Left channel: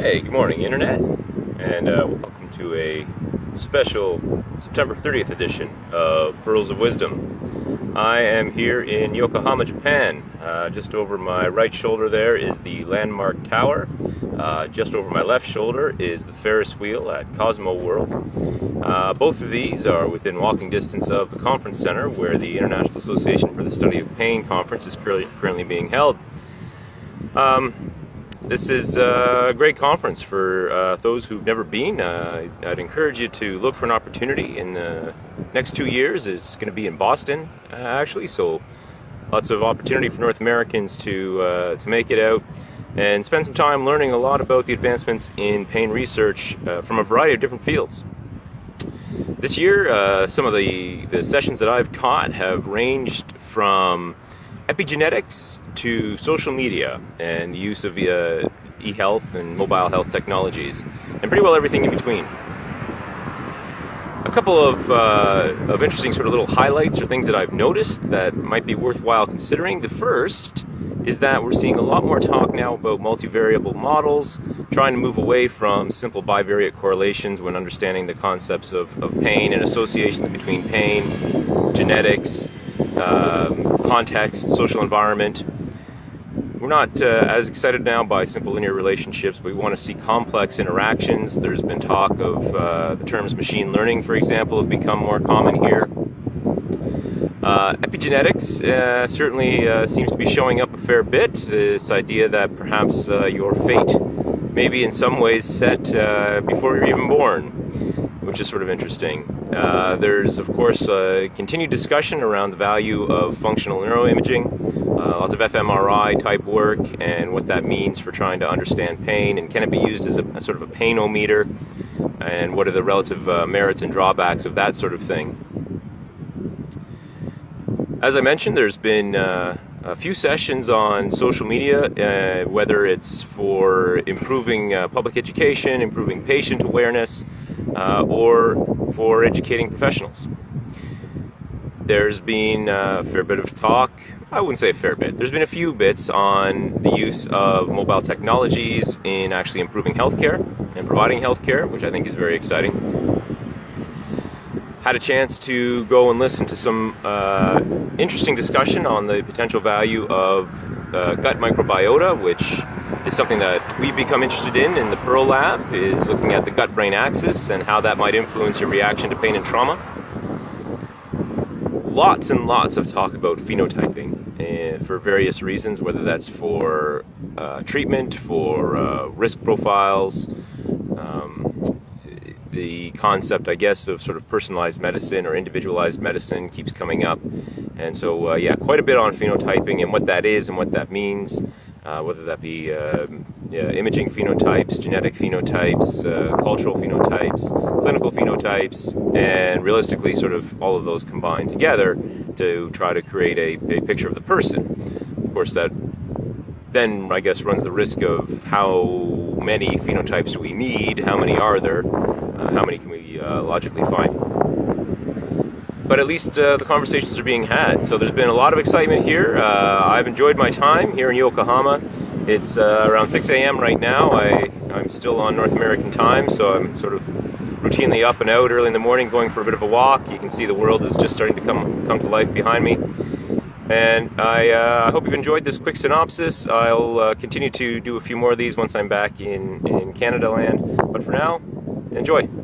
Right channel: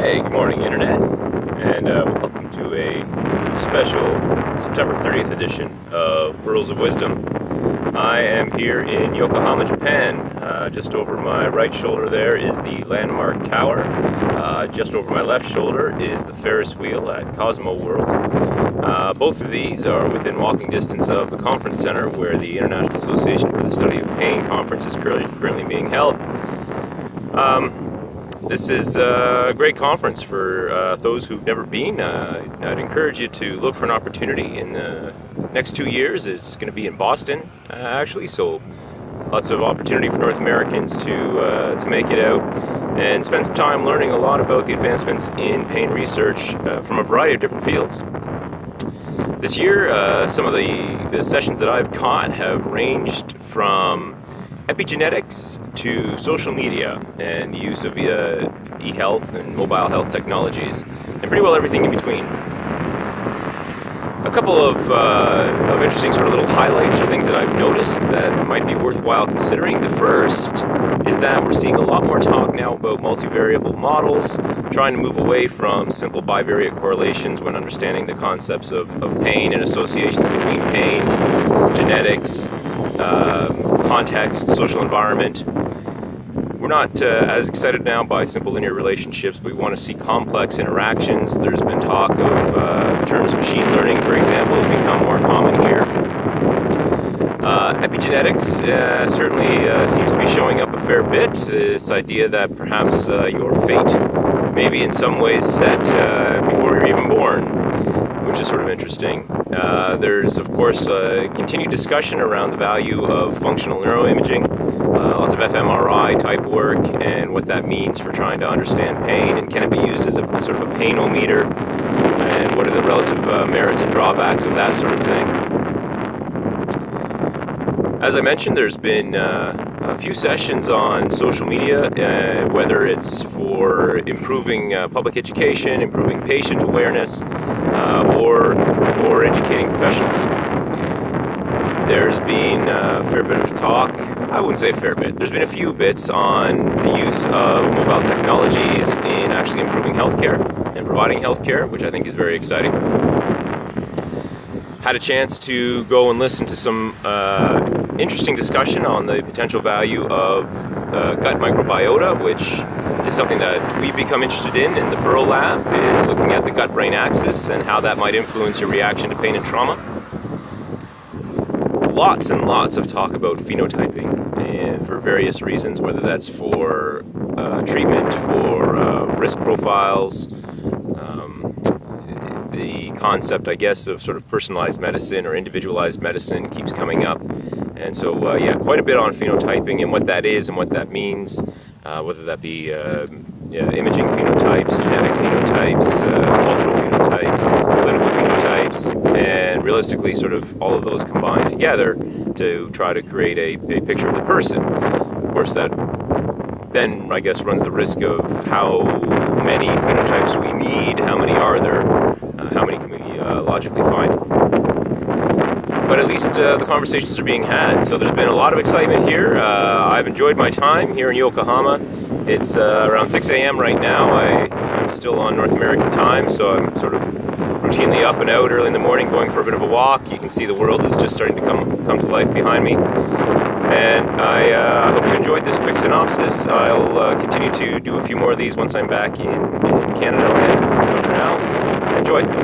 Hey, good morning, Internet, and welcome to a special September 30th edition of Pearls of Wisdom. I am here in Yokohama, Japan. Just over my right shoulder there is the Landmark Tower. Just over my left shoulder is the Ferris wheel at Cosmo World. Both of these are within walking distance of the conference center where the International Association for the Study of Pain conference is currently being held. This is a great conference for those who've never been. I'd encourage you to look for an opportunity in the next 2 years. It's going to be in Boston, actually, so lots of opportunity for North Americans to make it out and spend some time learning a lot about the advancements in pain research from a variety of different fields. This year, some of the sessions that I've caught have ranged from epigenetics to social media and the use of e-health and mobile health technologies, and pretty well everything in between. A couple of interesting sort of little highlights or things that I've noticed that might be worthwhile considering. The first is that we're seeing a lot more talk now about multivariable models, trying to move away from simple bivariate correlations when understanding the concepts of pain and associations between pain, genetics, context, social environment. We're not as excited now by simple linear relationships, but we want to see complex interactions. There's been talk of the terms machine learning, for example, has become more common here. Epigenetics certainly seems to be showing up a fair bit. This idea that perhaps your fate may be in some ways set before you're even born, which is sort of interesting. There's, of course, continued discussion around the value of functional neuroimaging, lots of fMRI type work, and what that means for trying to understand pain, and can it be used as a sort of a painometer, and what are the relative merits and drawbacks of that sort of thing. As I mentioned, there's been a few sessions on social media, whether it's for improving public education, improving patient awareness, or for educating professionals. There's been a fair bit of talk, I wouldn't say a fair bit, there's been a few bits on the use of mobile technologies in actually improving healthcare and providing healthcare, which I think is very exciting. Had a chance to go and listen to some interesting discussion on the potential value of gut microbiota, which is something that we've become interested in the Pearl Lab, is looking at the gut-brain axis and how that might influence your reaction to pain and trauma. Lots and lots of talk about phenotyping for various reasons, whether that's for treatment, for risk profiles, the concept, I guess, of sort of personalized medicine or individualized medicine keeps coming up. And so, quite a bit on phenotyping and what that is and what that means, whether that be imaging phenotypes, genetic phenotypes, cultural phenotypes, clinical phenotypes, and realistically sort of all of those combined together to try to create a picture of the person. Of course, that then, I guess, runs the risk of how many phenotypes do we need, how many are there, how many can we logically find. But at least the conversations are being had, so there's been a lot of excitement here. I've enjoyed my time here in Yokohama. It's around 6 a.m. right now. I'm still on North American time, so I'm sort of routinely up and out early in the morning going for a bit of a walk. You can see the world is just starting to come to life behind me. And I hope you enjoyed this quick synopsis. I'll continue to do a few more of these once I'm back in Canada land. But for now, enjoy.